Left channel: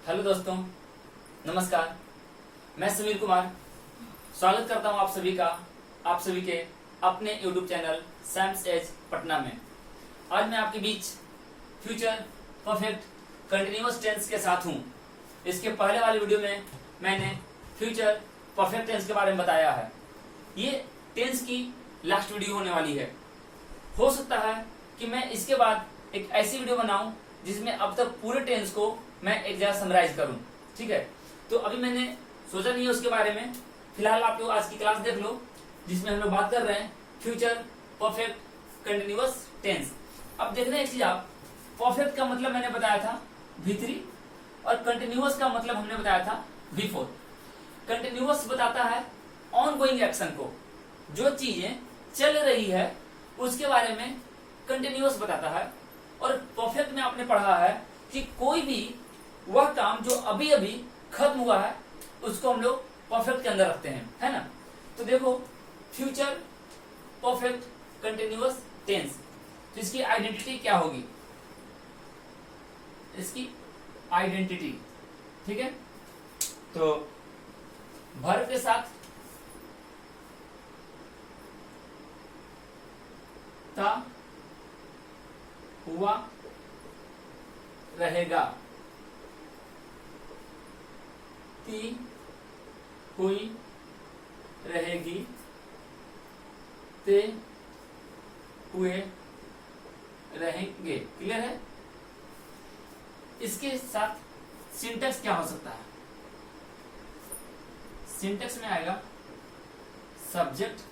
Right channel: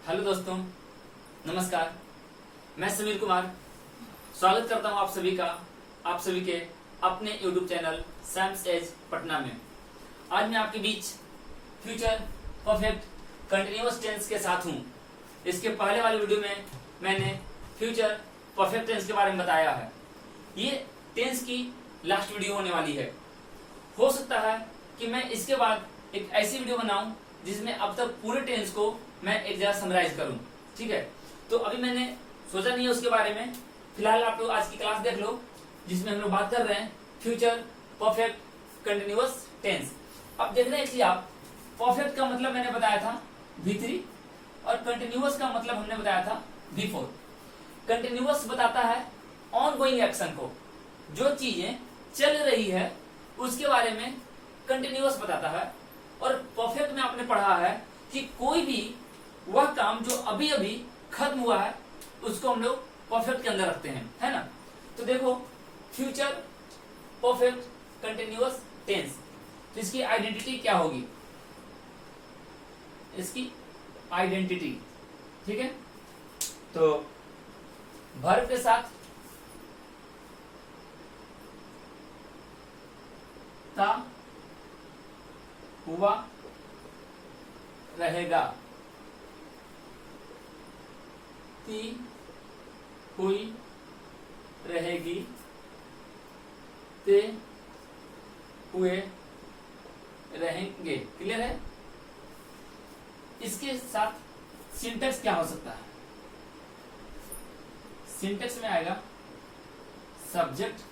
Hello दोस्तों, नमस्कार। मैं समीर कुमार स्वागत करता हूं आप सभी के अपने YouTube चैनल सैम्स एज पटना में। आज मैं आपके बीच फ्यूचर परफेक्ट कंटिन्यूअस टेंस के साथ हूं। इसके पहले वाले वीडियो में मैंने फ्यूचर परफेक्ट टेंस के बारे में बताया है। ये टेंस की लास्ट वीडियो होने वाली है। हो सकता है कि मैं इसके बाद एक ऐसी वीडियो बनाऊं जिसमें अब तक पूरे टेंस को मैं एक जगह समराइज करूं। ठीक है, तो अभी मैंने सोचा नहीं है उसके बारे में। फिलहाल आप लोग आज की क्लास देख लो, जिसमें हम लोग बात कर रहे हैं फ्यूचर परफेक्ट कंटिन्यूअस टेंस। अब देखना एक चीज, आप परफेक्ट का मतलब मैंने बताया था V3 और कंटिन्यूअस का मतलब हमने बताया था V4। कंटिन्यूअस बताता है ऑन गोइंग एक्शन को, जो चीजें चल रही है उसके बारे में कंटिन्यूअस बताता है। और परफेक्ट में आपने पढ़ा है कि कोई भी वह काम जो अभी अभी खत्म हुआ है उसको हम लोग परफेक्ट के अंदर रखते हैं, है ना। तो देखो, फ्यूचर परफेक्ट कंटिन्यूअस टेंस, तो इसकी आइडेंटिटी क्या होगी, इसकी आइडेंटिटी, ठीक है। तो वर्ब के साथ था हुआ रहेगा, थी हुई रहेगी, ते हुए रहेंगे। क्लियर है। इसके साथ सिंटेक्स क्या हो सकता है? सिंटेक्स में आएगा subject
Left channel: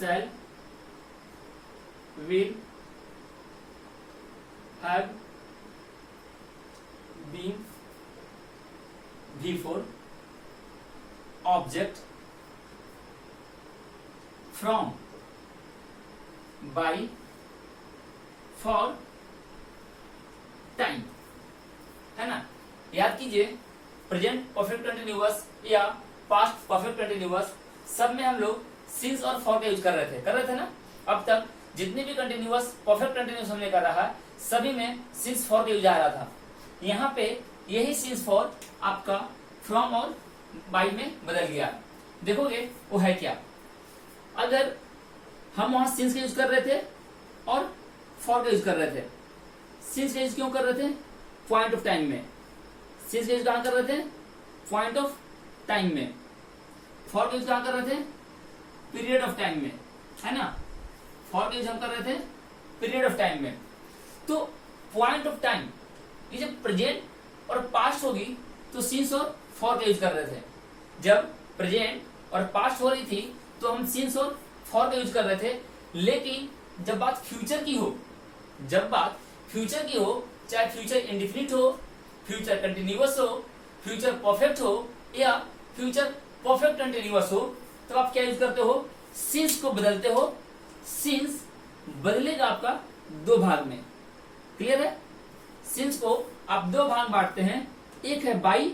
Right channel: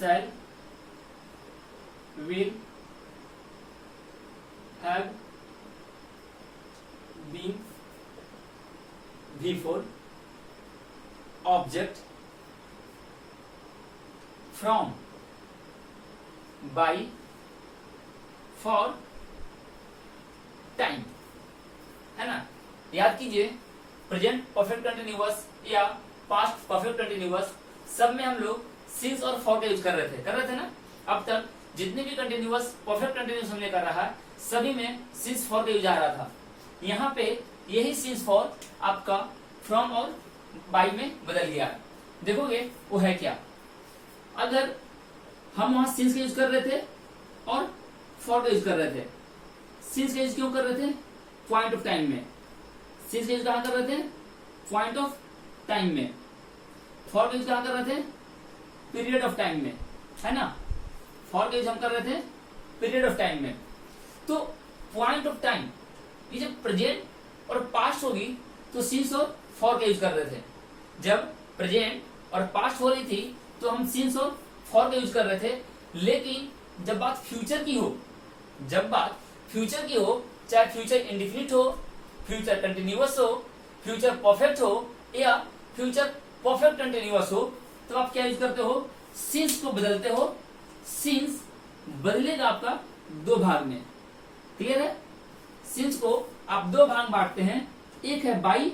shall, will, have, been, before, object, from, by, for, time, है ना। याद कीजिए, प्रेजेंट परफेक्ट कंटिन्यूअस या पास्ट परफेक्ट कंटिन्यूअस सब में हम लोग सिंस और फॉर का यूज कर रहे थे ना। अब तक जितने भी कंटिन्यूअस परफेक्ट कंटिन्यूअस हमने कर रहा है सभी में सिंस फॉर का यूज आ रहा था। यहाँ पे यही सिंस फॉर आपका फ्रॉम और बाय में बदल गया। देखोगे वो है क्या। अगर हम वहां सिंस का यूज कर रहे थे और फॉर का यूज कर रहे थे, सिंस का यूज क्यों कर रहे थे? पॉइंट ऑफ टाइम में। सिंस का यूज कहां कर रहे थे? पॉइंट ऑफ टाइम में। फॉर का यूज कहां कर रहे थे? पीरियड ऑफ टाइम में, है ना। फॉर का यूज हम कर रहे थे पीरियड ऑफ टाइम में। तो पॉइंट ऑफ टाइम, ये जब प्रेजेंट और पास्ट होगी तो सिंस और फॉर का यूज कर रहे थे। जब प्रेजेंट और पास्ट हो रही थी तो हम सिंस और फॉर का यूज कर रहे थे। लेकिन जब बात फ्यूचर की हो, चाहे फ्यूचर इंडिफिनिट हो, फ्यूचर कंटिन्यूअस हो, फ्यूचर परफेक्ट हो या फ्यूचर परफेक्ट कंटिन्यूअस हो, तो आप क्या यूज करते हो? सिंस को बदलते हो। सिंस बदलेगा आपका दो भाग में। क्लियर है। सिंस को आप दो भाग बांटते हैं, एक है बाई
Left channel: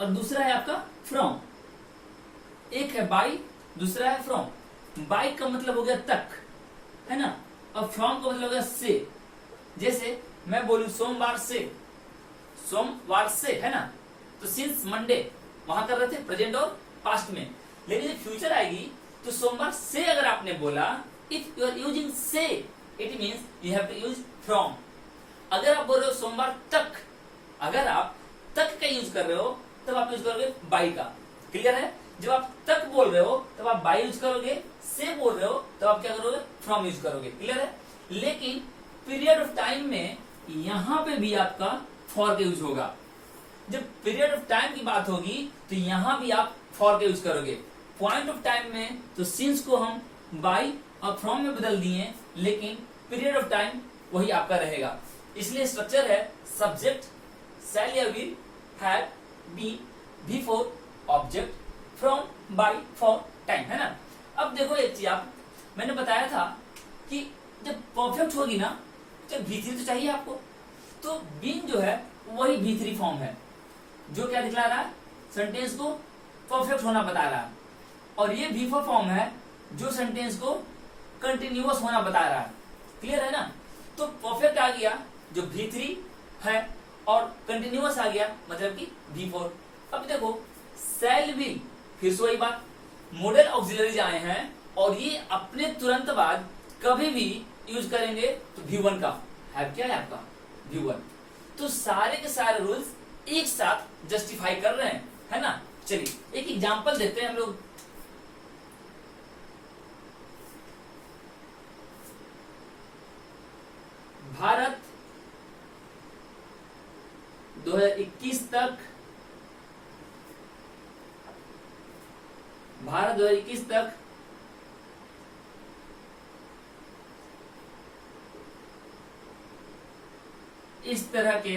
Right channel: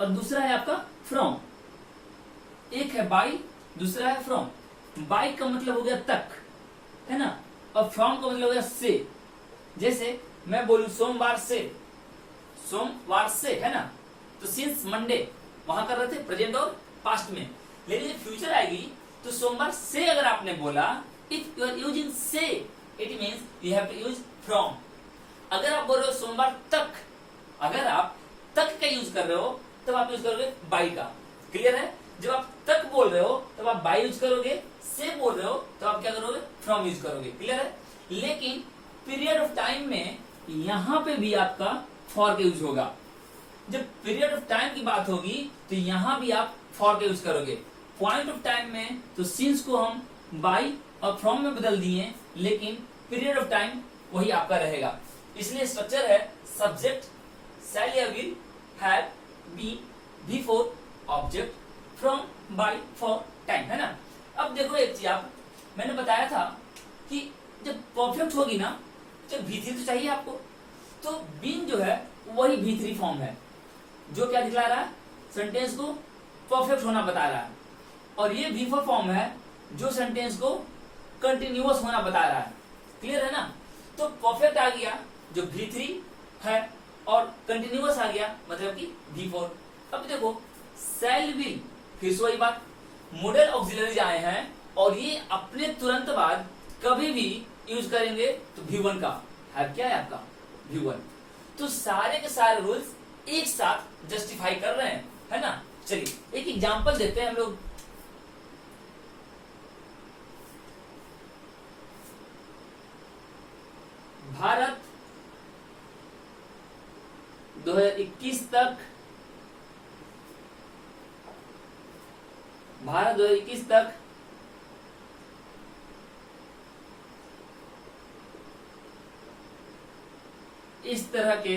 और दूसरा है आपका फ्रॉम। एक है बाई, दूसरा है फ्रॉम। बाई का मतलब हो गया तक, है ना, और फ्रॉम का मतलब हो गया से। जैसे मैं बोलूं सोमवार से, है ना, तो सिंस मंडे वहां कर रहे थे प्रेजेंट और पास्ट में। लेकिन जब फ्यूचर आएगी तो सोमवार से अगर आपने बोला, इफ यू आर यूजिंग से, it means you have to use from. अगर आप बोल रहे हो सोमवार तक, अगर आप तक का यूज कर रहे हो तब आप यूज करोगे बाई का। क्लियर है। जब आप तक बोल रहे हो तब आप बाई यूज करोगे, से बोल रहे हो तो आप क्या करोगे? फ्रॉम यूज करोगे। क्लियर है। लेकिन पीरियड ऑफ टाइम में यहां पे भी आपका फॉर का यूज होगा। जब पीरियड ऑफ टाइम की बात होगी तो यहां भी आप फॉर का यूज करोगे। पॉइंट ऑफ टाइम में तो सिंस को हम बाय और फ्रॉम में बदल दिए, लेकिन पीरियड ऑफ टाइम वही आपका रहेगा। इसलिए स्ट्रक्चर है सब्जेक्ट शैल या will, have, been, before, object, from, by, for, time, है ना। अब देखो एक चीज, आप मैंने बताया था कि जब परफेक्ट होगी ना तो V3 तो चाहिए आपको। तो बीन जो है वही V3 फॉर्म है, जो क्या दिखला रहा है? सेंटेंस को परफेक्ट होना बता रहा है। और ये V4 फॉर्म है जो सेंटेंस को कंटिन्यूअस होना बता रहा है। क्लियर है ना। तो परफेक्ट आ गया जो V3 है और कंटिन्यूअस आ गया मतलब कि V4। अब देखो सेल विल, फिर से वही बात, मॉडल ऑक्सिलरीज आए हैं और ये अपने तुरंत बाद कभी भी यूज करेंगे तो V1 का है, क्या है आपका V1। तो सारे के सारे रूल्स एक साथ जस्टिफाई कर रहे हैं, है ना। चलिए एक एग्जांपल देखते हैं हम लोग। भारत 2021 तक, भारत 2021 तक इस तरह के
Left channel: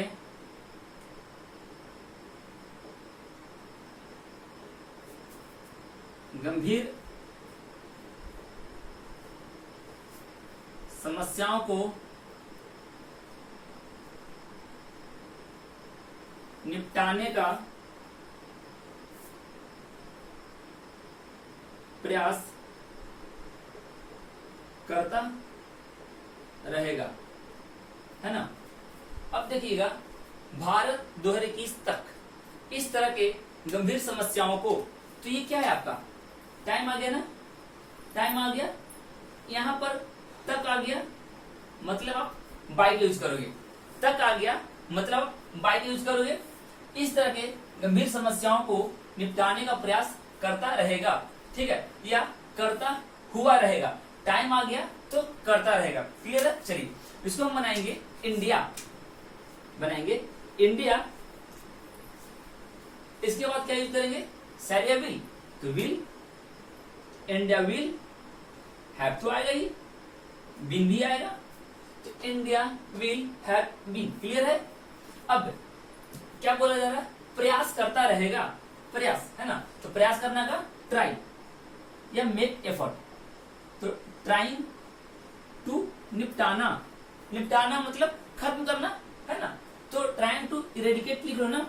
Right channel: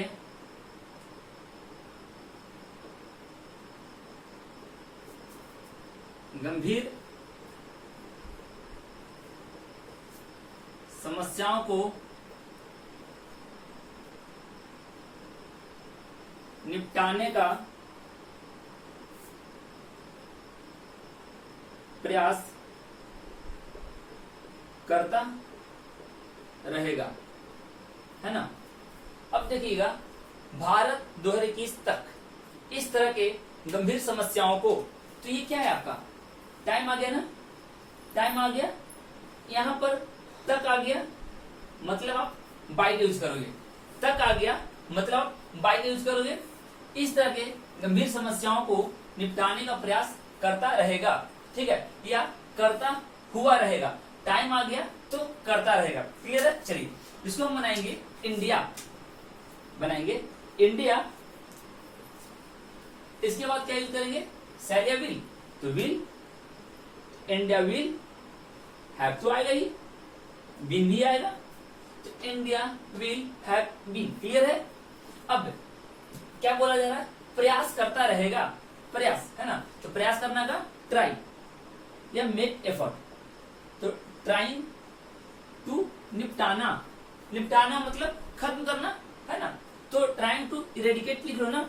गंभीर समस्याओं को निपटाने का प्रयास करता रहेगा, है ना। अब देखिएगा भारत 2021 तक इस तरह के गंभीर समस्याओं को, तो ये क्या है आपका टाइम आ गया ना, टाइम आ गया, यहां पर तक आ गया मतलब आप बाई यूज करोगे, तक आ गया मतलब आप बाई यूज करोगे। इस तरह के गंभीर समस्याओं को निपटाने का प्रयास करता रहेगा, ठीक है, या करता हुआ रहेगा। टाइम आ गया तो करता रहेगा, क्लियर है। चलिए इसको हम बनाएंगे इंडिया, बनाएंगे इंडिया। इसके बाद क्या यूज करेंगे, शैल या विल, तो विल, इंडिया विल, हैव तो आएगा ही, बीन भी आएगा, तो India will have been, clear है। अब क्या बोला जा रहा है, प्रयास करता रहेगा, प्रयास, है ना। तो प्रयास करना का ट्राई या मेक एफर्ट, तो ट्राइंग टू निपटाना, निपटाना मतलब खत्म करना, है ना। तो ट्राइंग टू इरेडिकेट लिख लो ना,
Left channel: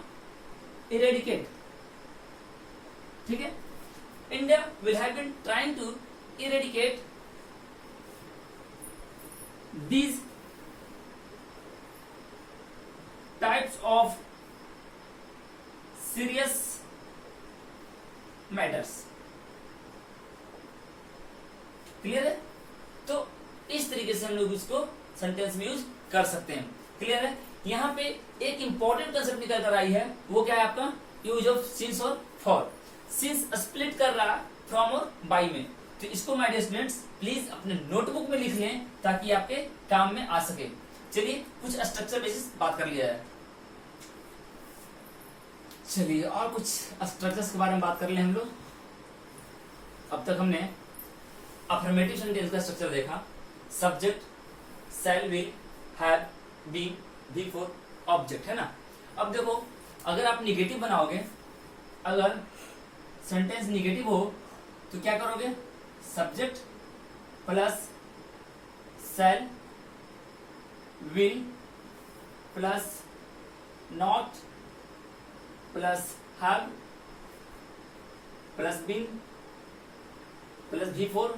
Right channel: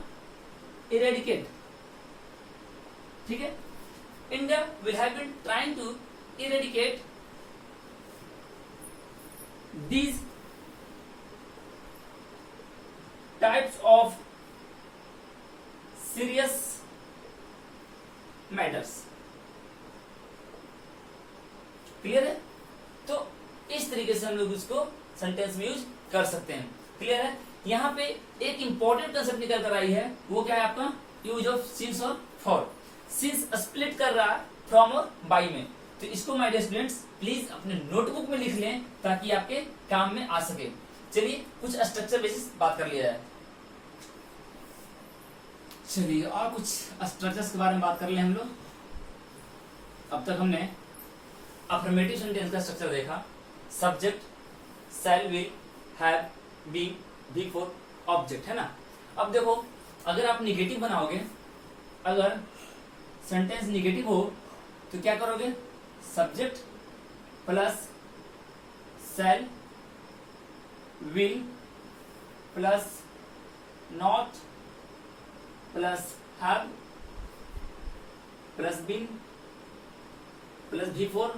इरेडिकेट, ठीक है। India will have been trying to eradicate these types of serious matters, clear है। तो इस तरीके से हम लोग इसको सेंटेंस में यूज कर सकते हैं, क्लियर है। यहां पे एक इंपॉर्टेंट कंसेप्ट निकल कर आई है, वो क्या है आपका यूज ऑफ सिंस और फॉर। सिंस स्प्लिट कर रहा फ्रॉम और बाई में, तो इसको माय डियर स्टूडेंट्स प्लीज अपने नोटबुक में लिख लें ताकि आपके काम में आ सके। चलिए कुछ स्ट्रक्चर बेसिस बात कर लिया है, चलिए और कुछ स्ट्रक्चर्स के बारे में बात कर ले हम लोग। अब तक हमने अफर्मेटिव सेंटेंस का स्ट्रक्चर देखा, subject, shall, will, have, been, V4, object, है ना। अब देखो अगर आप निगेटिव बनाओगे, अगर सेंटेंस निगेटिव हो तो क्या करोगे, subject plus shall, will plus not plus have plus been plus V4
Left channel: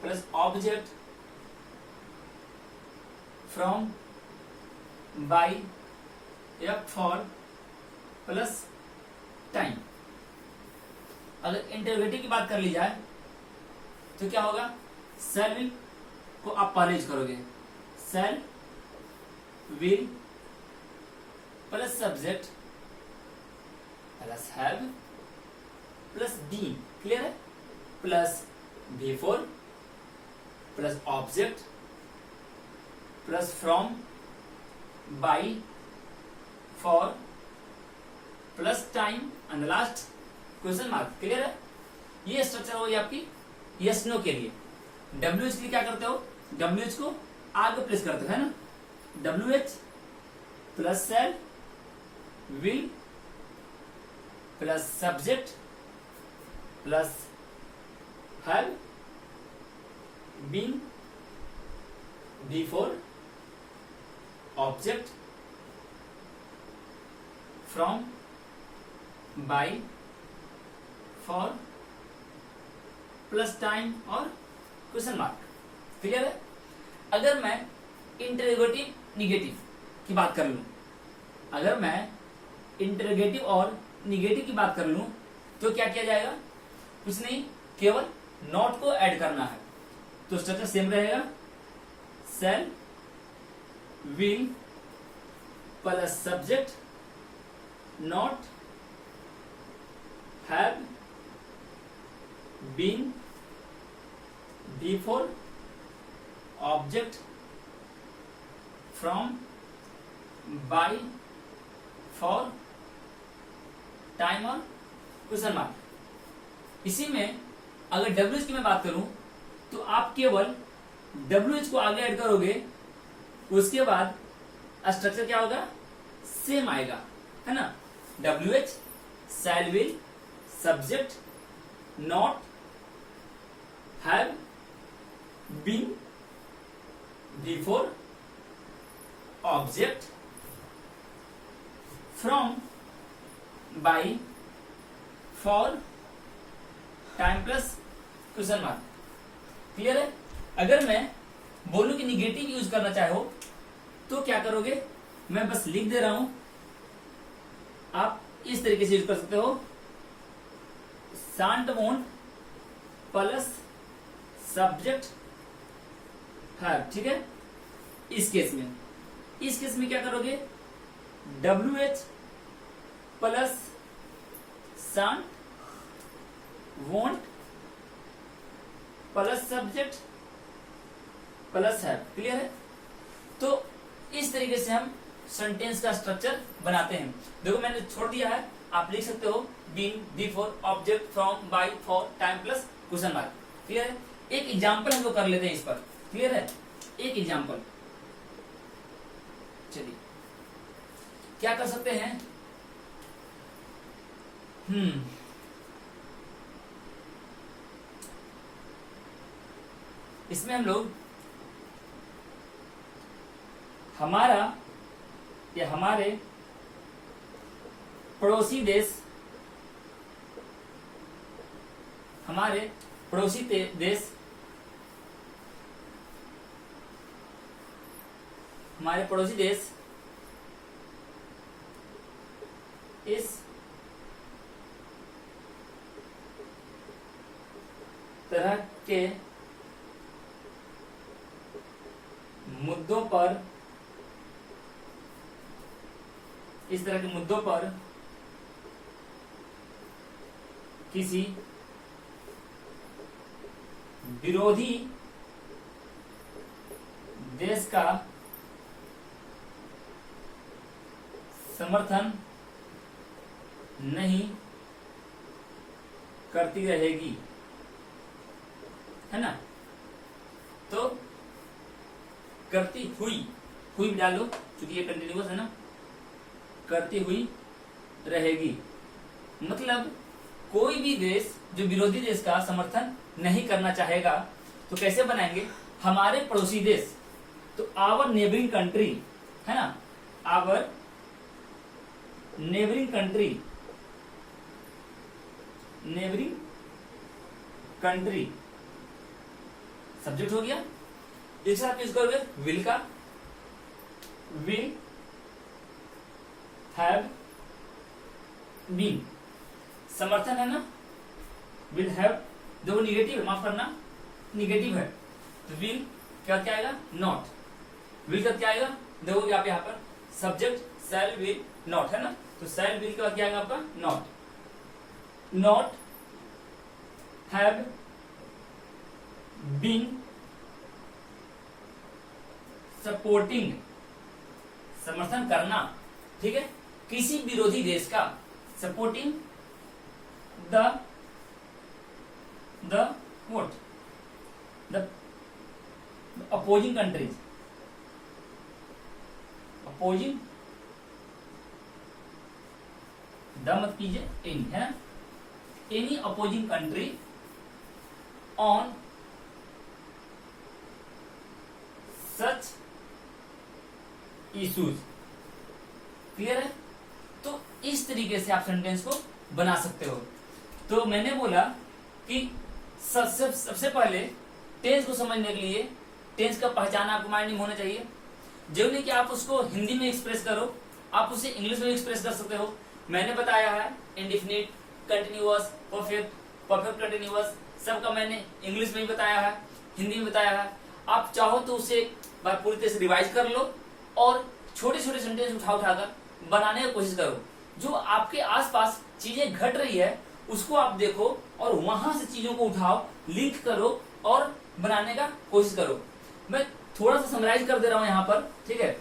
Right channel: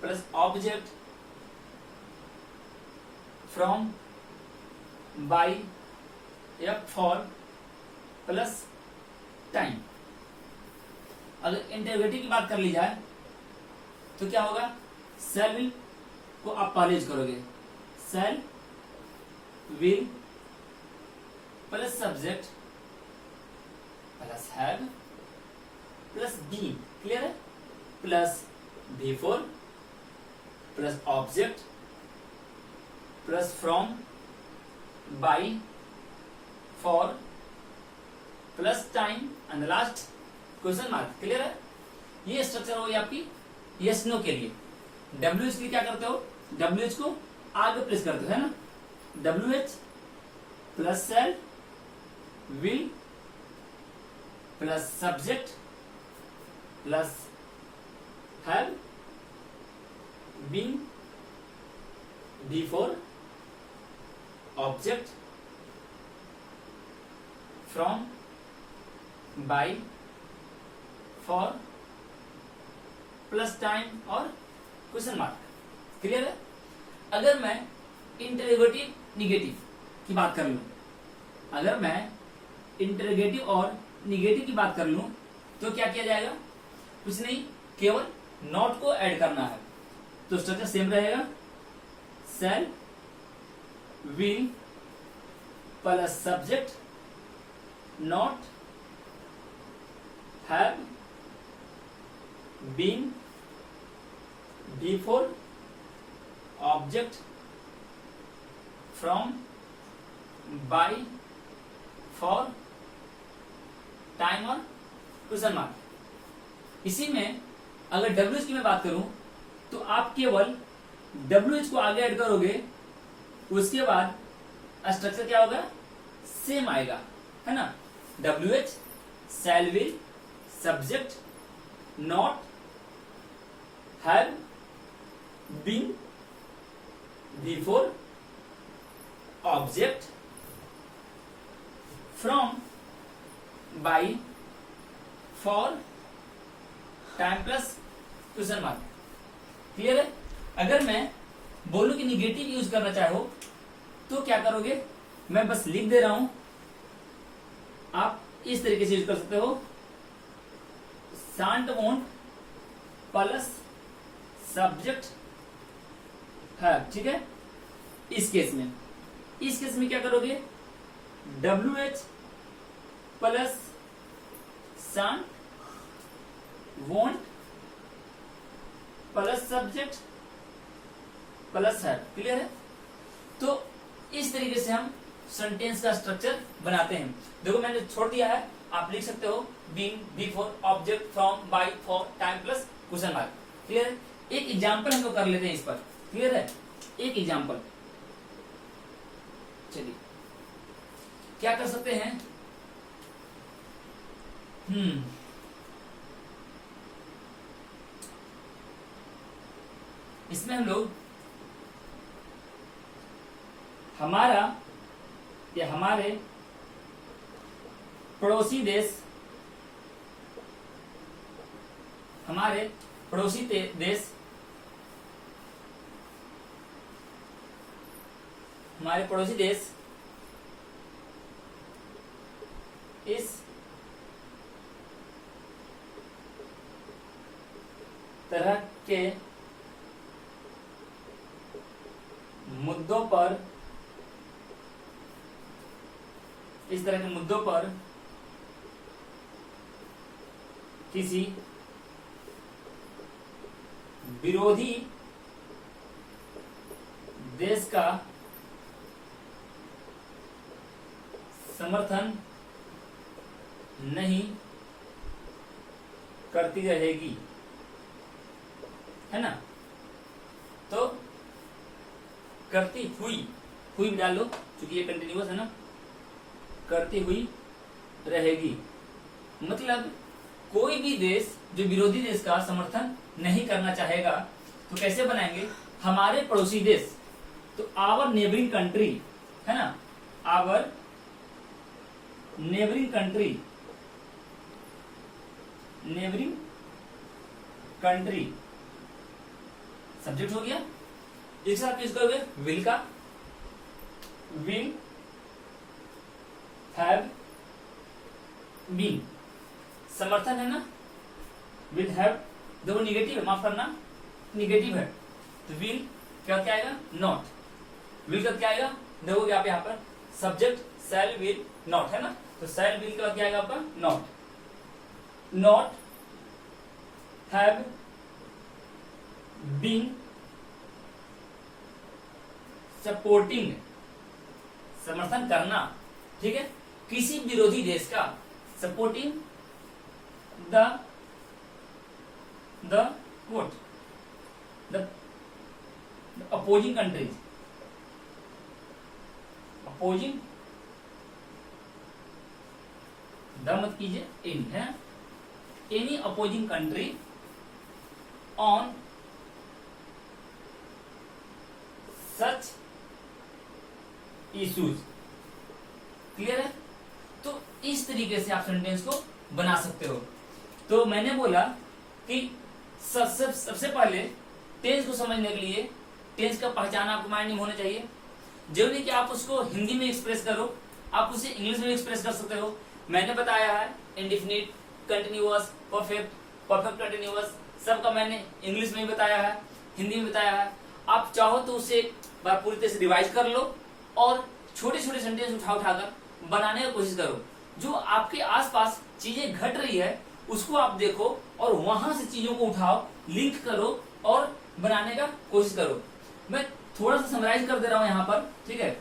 plus object from, by या फॉर प्लस टाइम। अगर इंटरोगेटिव की बात कर ली जाए तो क्या होगा, शैल विल को आप पहले यूज करोगे, shall will plus subject plus have plus been, clear है, plus V4 plus object plus from, by, for plus time and last question mark, clear है। ये स्ट्रक्चर होगी आपकी यस नो के लिए। WH के लिए क्या करते हो, WH को आगे प्लेस करते हो, है ना। WH plus shall, will plus subject plus have, been, V4 object from, by, for plus time और क्वेश्चन मार्क, क्लियर है। अगर मैं इंटरोगेटिव निगेटिव की बात कर लूं, अगर मैं इंटरोगेटिव और निगेटिव की बात कर लूं तो क्या किया जाएगा, कुछ नहीं, केवल नॉट को ऐड करना है। तो स्ट्रक्चर सेम रहेगा, shall will plus subject not have been before object from by for time और क्वेश्चन मार्क। इसी में अगर WH की मैं बात करूं तो आप केवल WH को आगे ऐड करोगे, उसके बाद स्ट्रक्चर क्या होगा, सेम आएगा, है ना। WH shall will subject not have been before object from by for time plus question mark. Clear है। अगर मैं बोलूं कि निगेटिव यूज करना चाहो तो क्या करोगे, मैं बस लिख दे रहा हूं, आप इस तरीके से यूज कर सकते हो, शांट वोंट प्लस सब्जेक्ट है, ठीक है। इस केस में क्या करोगे, WH plus shan't won't plus subject plus है। क्लियर है। तो इस तरीके से हम सेंटेंस का स्ट्रक्चर बनाते हैं। देखो मैंने छोड़ दिया है, आप लिख सकते हो been before object from by for time plus question mark. Clear है। एक एग्जांपल हम लोग कर लेते हैं इस पर। क्लियर है। एक एग्जांपल, चलिए क्या कर सकते हैं, इसमें हम लोग हमारा या हमारे पड़ोसी देश, हमारे पड़ोसी देश, हमारे पड़ोसी देश इस तरह के मुद्दों पर, इस तरह के मुद्दों पर किसी विरोधी देश का समर्थन नहीं करती रहेगी, है ना। तो करती हुई भी डाल लो क्योंकि ये कंटिन्यूअस है ना, करती हुई रहेगी। मतलब कोई भी देश जो विरोधी देश का समर्थन नहीं करना चाहेगा तो कैसे बनाएंगे, हमारे पड़ोसी देश, तो आवर नेबरिंग कंट्री, है ना, our neighbouring country, neighbouring country subject हो गया। एक साथ यूज करोगे विल का, विल हैव बीन, समर्थन है ना, विल हैव, देखो निगेटिव है, माफ करना, निगेटिव है, तो विल क्या आएगा, नॉट, विल का क्या आएगा, देखोगे आप यहाँ पर सब्जेक्ट शैल विल नॉट, है ना, तो शैल विल का क्या आएगा आपका, not, not have been supporting, समर्थन करना, ठीक है, किसी विरोधी देश का, supporting the what, the opposing countries, opposing, the मत कीजिए, इन, है ना, any opposing country on such issues. Clear है। तो इस तरीके से आप सेंटेंस को बना सकते हो। तो मैंने बोला कि सबसे पहले टेंस को समझने के लिए टेंस का पहचान आपको माइंड में होना चाहिए। जरूरी नहीं कि आप उसको हिंदी में एक्सप्रेस करो, आप उसे इंग्लिश में एक्सप्रेस कर सकते हो। मैंने बताया है indefinite, continuous, perfect, perfect continuous, सबका मैंने इंग्लिश में भी बताया है, हिंदी में बताया है। आप चाहो तो उसे बार पूरी तरह से रिवाइज कर लो और छोटे छोटे सेंटेंस उठा उठाकर बनाने की कोशिश करो। जो आपके आसपास चीजें घट रही है उसको आप देखो और वहां से चीजों को उठाओ, लिंक करो और बनाने का कोशिश करो। मैं थोड़ा सा समराइज कर दे रहा हूं यहाँ पर, ठीक है।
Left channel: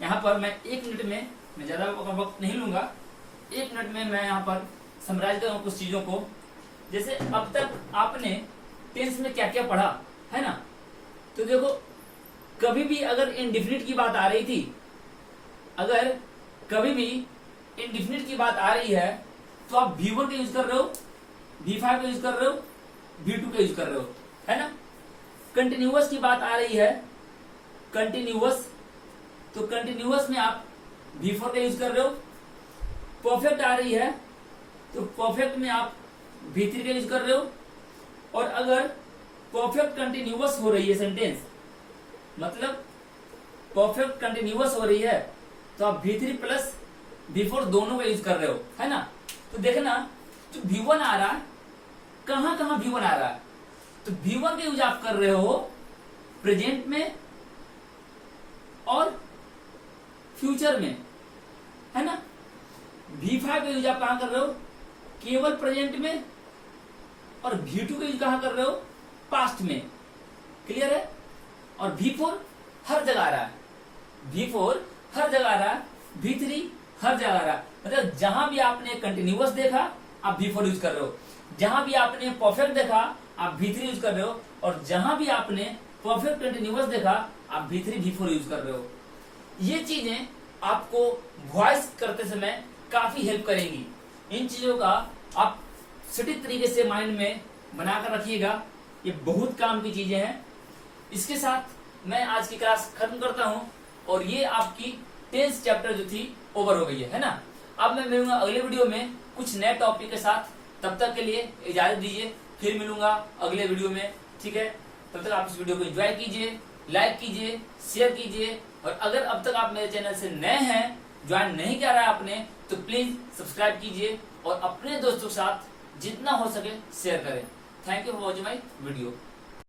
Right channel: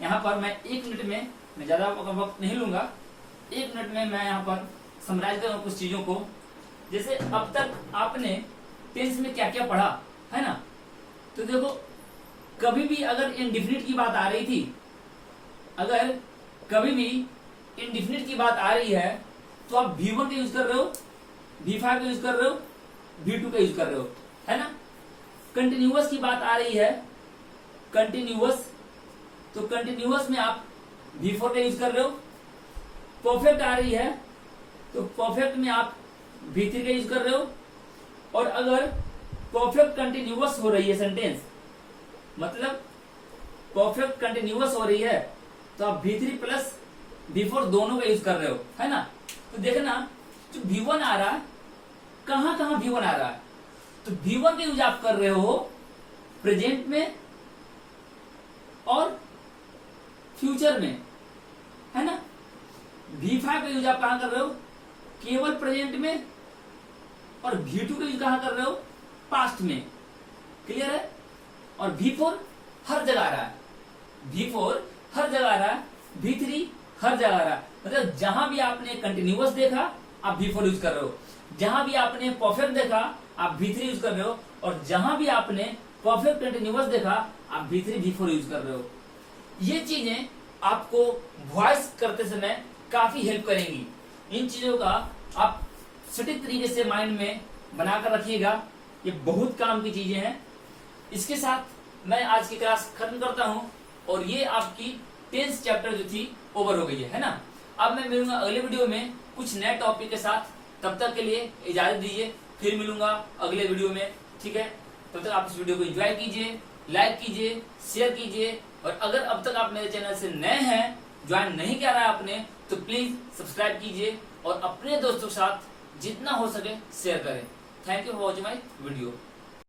यहाँ पर मैं 1 मिनट में, मैं ज्यादा वक्त नहीं लूंगा, 1 मिनट में मैं यहाँ पर समराइज कर रहा हूँ कुछ चीजों को। जैसे अब तक आपने टेंस में क्या क्या पढ़ा है ना, तो देखो कभी भी अगर इंडिफिनिट की बात आ रही थी, अगर कभी भी इंडिफिनिट की बात आ रही है तो आप V1 का यूज कर रहे हो, V5 का यूज कर रहे हो, V2 का यूज कर रहे हो, है ना। कंटिन्यूअस की बात आ रही है, कंटिन्यूअस, तो कंटिन्यूअस में आप V4 का यूज कर रहे हो। परफेक्ट आ रही है तो परफेक्ट में आप V3 का यूज कर रहे हो। और अगर परफेक्ट कंटिन्यूअस हो रही है सेंटेंस, मतलब परफेक्ट कंटिन्यूअस हो रही है, तो आप V3 प्लस V4 दोनों का यूज कर रहे हो, है ना। तो देखना जो V1 आ रहा है, कहां कहां V1 आ रहा है, तो V1 का यूज आप कर रहे हो प्रेजेंट में और फ्यूचर में, है ना। V5 का यूज आप कहां कर रहे हो, केवल प्रेजेंट में, और V2 का यूज कहां कर रहे हो, पास्ट में। क्लियर है। और V4 हर जगह आ रहा है, V4 हर जगह आ रहा है, V3 हर जगह आ रहा है। मतलब जहां भी आपने कंटिन्यूअस देखा आप V4 यूज कर रहे हो, जहां भी आपने परफेक्ट देखा आप V3 यूज कर रहे हो, और जहां भी आपने परफेक्ट कंटिन्यूअस देखा आप V3 V4 यूज कर रहे हो। ये चीजें आपको वॉइस करते समय काफी हेल्प करेंगी। इन चीजों का आप सटीक तरीके से माइंड में बनाकर रखिएगा, ये बहुत काम की चीजें हैं। इसके साथ मैं आज की क्लास खत्म करता हूं और ये आपकी 10th चैप्टर जो थी ओवर हो गई है ना। अब मैं मिलूंगा अगले वीडियो में कुछ नए टॉपिक के साथ। तब तक के लिए इजाजत दीजिए, फिर मिलूंगा अगले वीडियो में, ठीक है। तब तक आप इस वीडियो को एंजॉय कीजिए, लाइक कीजिए, शेयर कीजिए, और अगर अब तक आप मेरे चैनल से नए हैं, ज्वाइन नहीं किया है आपने, तो प्लीज सब्सक्राइब कीजिए और अपने दोस्तों के साथ जितना हो सके शेयर करें। Thank you for watching my video.